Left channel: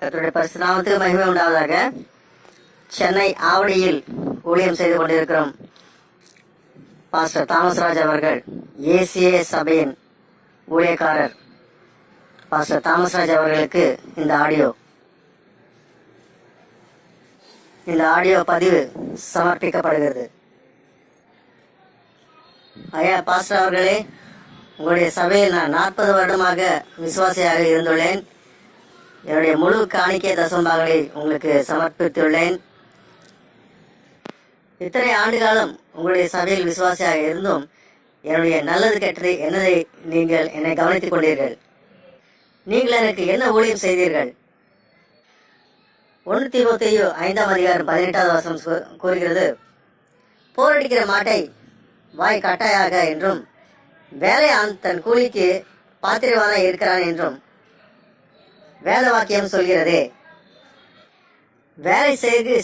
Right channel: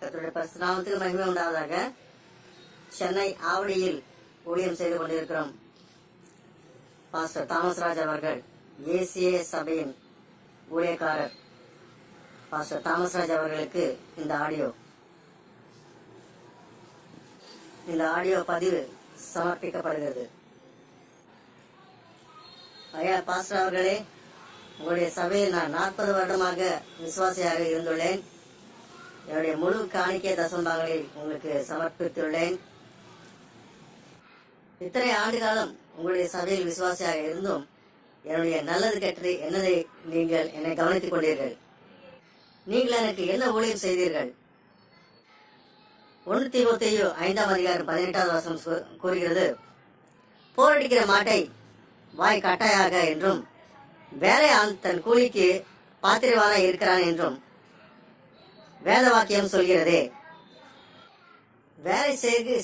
கர்த்தருடைய பரிசுத்த நாமத்துக்கு மகிமை உண்டாவதாக. சென்னை ஆவடியில் ஊழியம் செய்து கொண்டிருக்கிறோம் பாஸ்டர் தாமஸ் ராஜ் அவர்கள், ஏசிஏ சபையின் ஊழியக்காரர் பாஸ்டர் தாமஸ் ராஜ் அவர்களுக்கு இந்த ஆடியோ பதிவு சமர்ப்பிக்கப்படுகிறது. ஐயா பாஸ்டர் அவர்களே, உங்களுடைய சபையில் நான் 40 வருடமாக விசுவாசியாக இருந்துள்ளேன். என்னுடைய முழு காணிக்கை தசம்பாகளை உங்களுக்கு சமர்ப்பித்துள்ளேன். இத்தனை ஆண்டு காலம் உங்களுடைய சபையில் விசுவாசியாக இருந்தும் என்னுடைய நல்லது கெட்டது என்னதை நீங்கள் என்னை கவனித்துக் கொண்டீர்கள். நீங்கள் எனக்கு என்ன ஊழியம் செய்தீர்கள்? 1 தீமோத்தேயு 5:18 கூறுகிறது, போரடிக்கிற மாட்டை வாய் கட்டாயாக என்றும் வேலையான் தன் கூலிக்கு பாத்திரவான இருக்கிறான் என்றும் வேத வாக்கியம் சொல்கிறதே. வேலை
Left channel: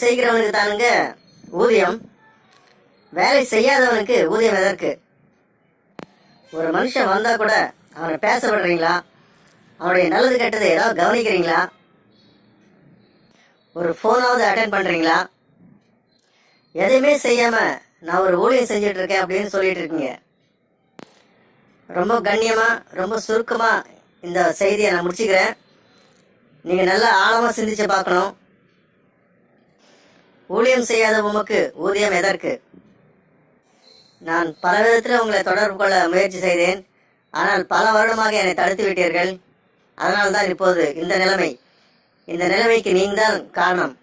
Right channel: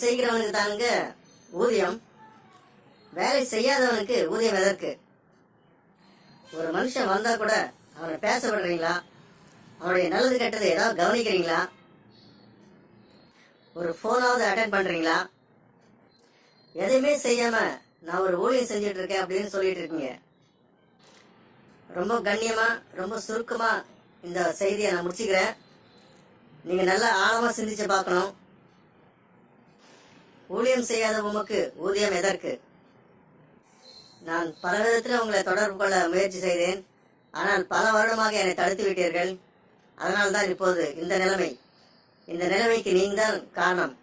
செய்கிறவனுக்கு தானுங்க ஊதியம், வேலை செய்யாதவனுக்கு ஊதியம் எதற்கு? ஒரு மனுஷன் வந்தா கூட அவனை பேச விடுறீங்களா? அவனுடைய நல்லது கெட்டது ஏதாவது கவனிக்கிறீங்களா? ஒரு போனாவது அட்டென்ட் பண்றீங்களா? எதையுமே செய்யாம நான் ஒரு ஊழியம் செஞ்சுட்டு இருக்கேன் அப்படின்னு சொல்லிட்டு இருக்கீங்க. ரொம்ப கண்ணியமா, ரொம்ப சுருக்கமா இந்த செய்தியை நான் முடிச்சுக்கிறேன். நீங்க நல்லா ஆழமா சிந்திச்சு பார்க்கணும். ஊழியம் செய்யாத உமக்கு ஊதியம் எதற்கு? நான் பல விதத்தில் உங்களை தொடர்பு கொள்ள முயற்சி செய்தேன். ஆனால் பல வருடமாக என்னை தடுத்து விட்டீர்கள். அதனால்தான் இப்போது இந்த நிலைமைக்கு நீங்கள் தான் காரணம்.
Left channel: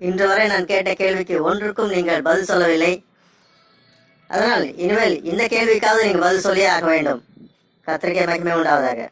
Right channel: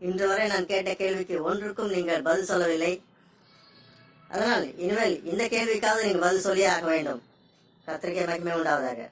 இன்று வரை நான் கேட்ட கேள்விக்கு ஒன்றுக்கும் நீங்கள் பதில் சொல்லவில்லை. அதனால் இனிமேல் இந்த கேள்விக்காவது நீங்கள் பதில் சொல்லியே ஆக வேண்டும். கர்த்தருக்கே மகிமை உண்டாவதாக.